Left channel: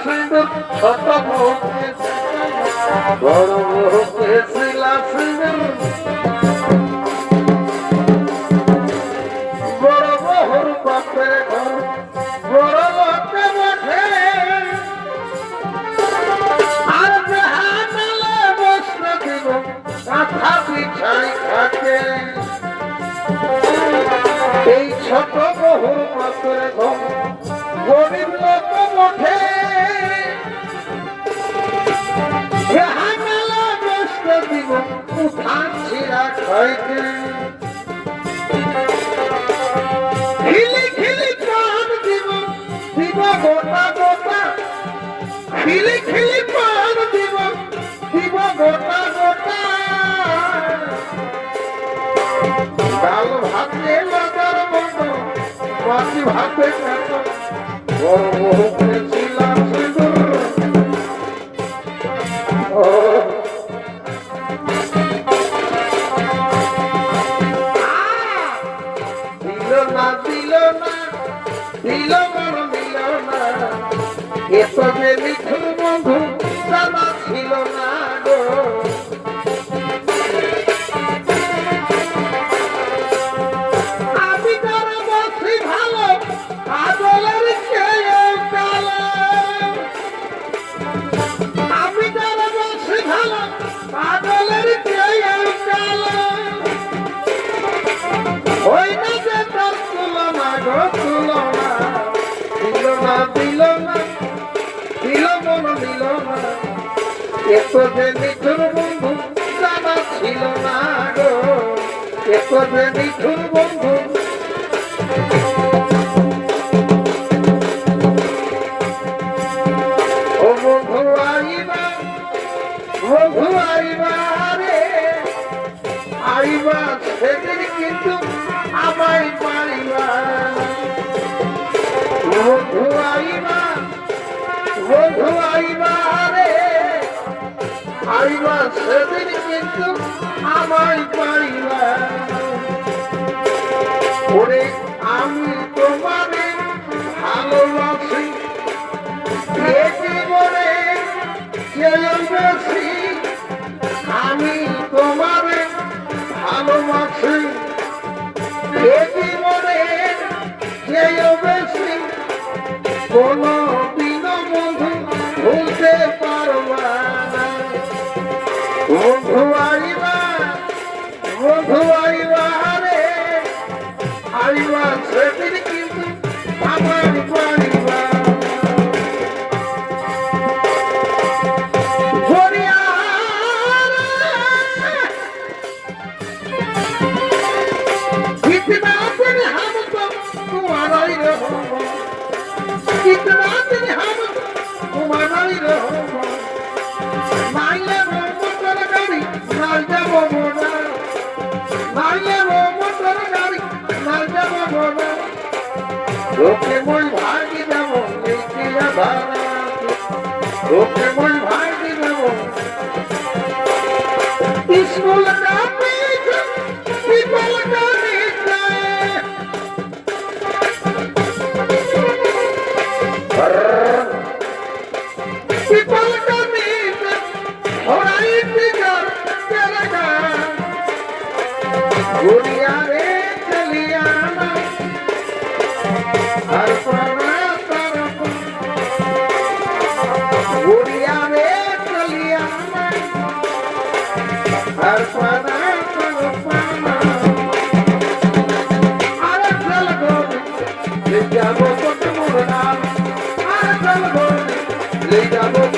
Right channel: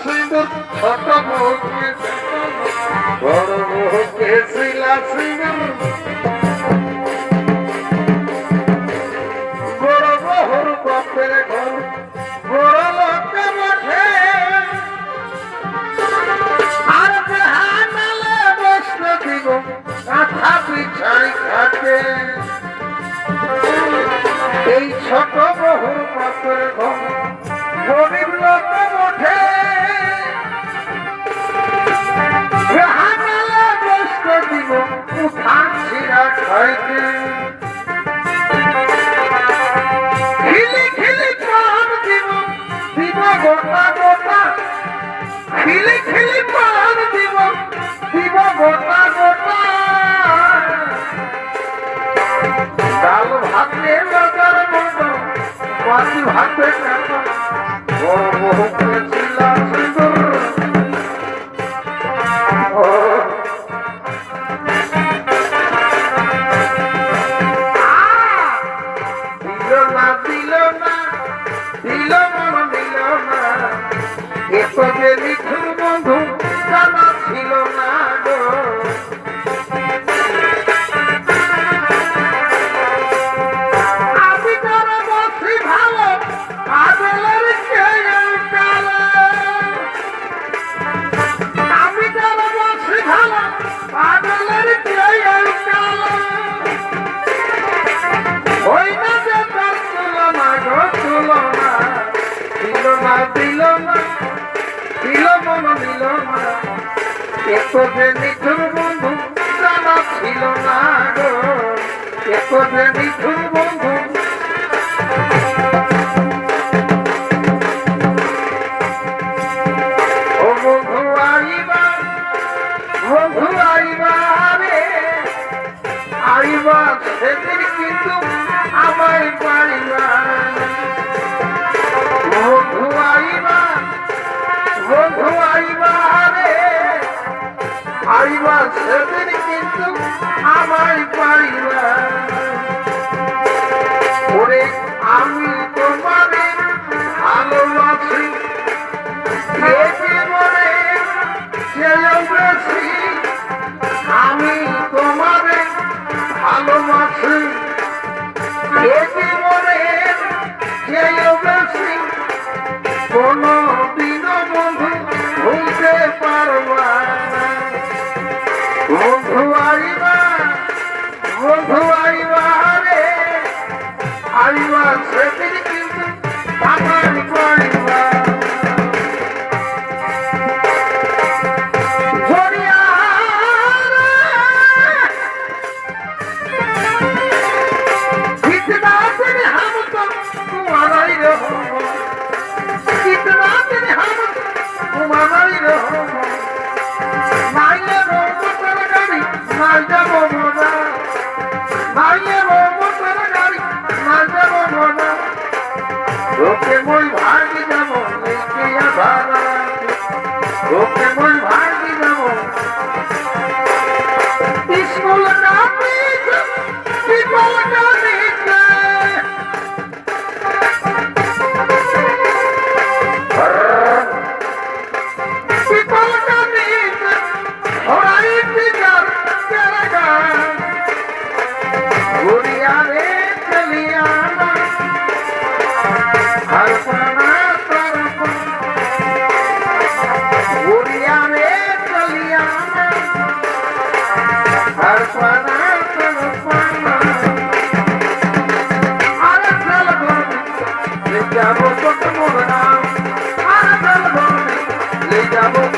সিঁদুর ছোট বউকে বড় বউকে শিলা সিঁদুর বড় বহুর বাপের ঘর বড় লোকে বসে আর জাহানালে বসতে দিব কাঁথা বিছাই খাতে এই ছোট বহুর বাপের ঘর গরিব লোকে বসে জাহানালে বসতে দিব উঠান ছিঁড়া খাইতে গোটা গোটা খিলি খিলি পান দিব দিব গোটা গোটা ডাল ভাতে লাগার মতো মাছি ভাতে কাটা বড় বহুকে ছিলা সিঁদুর দিল না দিল না দিল মন দিল না এত যে লিখুন বন্ধু জানা ছিল না গো আমি তোর বসি ভালো আদলের চেয়ে কালো আমি তোর বসি ভালো আদলের চেয়ে কালো ওই না যে তোর তুলনা গো তুলনা দিল না দিল না দিল মন দিল না এত যে নিঠুর বন্ধু জানা ছিল না গো এত যে নিঠুর বন্ধু ও বন্ধু আইবা রে আইবা সেদিন কিন্তু আমায় পাইবা বন্ধু আইবা রে আইবা সেদিন কিন্তু আমায় পাইবা ওরে আমি তোমারে ভালোবাসি জীবনে চেয়েও বেশি আমি তোমারে ভালোবাসি জীবনে চেয়েও বেশি কোনো দিনও বন্ধু ভুলতে পারবা না বন্ধু আইবা রে আইবা সেদিন কিন্তু আমার পাইবা कितना दिन हम तो तुम्हारा ही रहो कितना दिन हम तुम्हारा ही रहो माइले रो मोटर गाड़ी मार जाबो मोना माइले रो मोटर गाड़ी मार जाबो मोना ओके मोई भागी जाबो लेके आ भाड़ा ओके मोई भागी जाबो स्कूल का पीछे पीपल का Legal,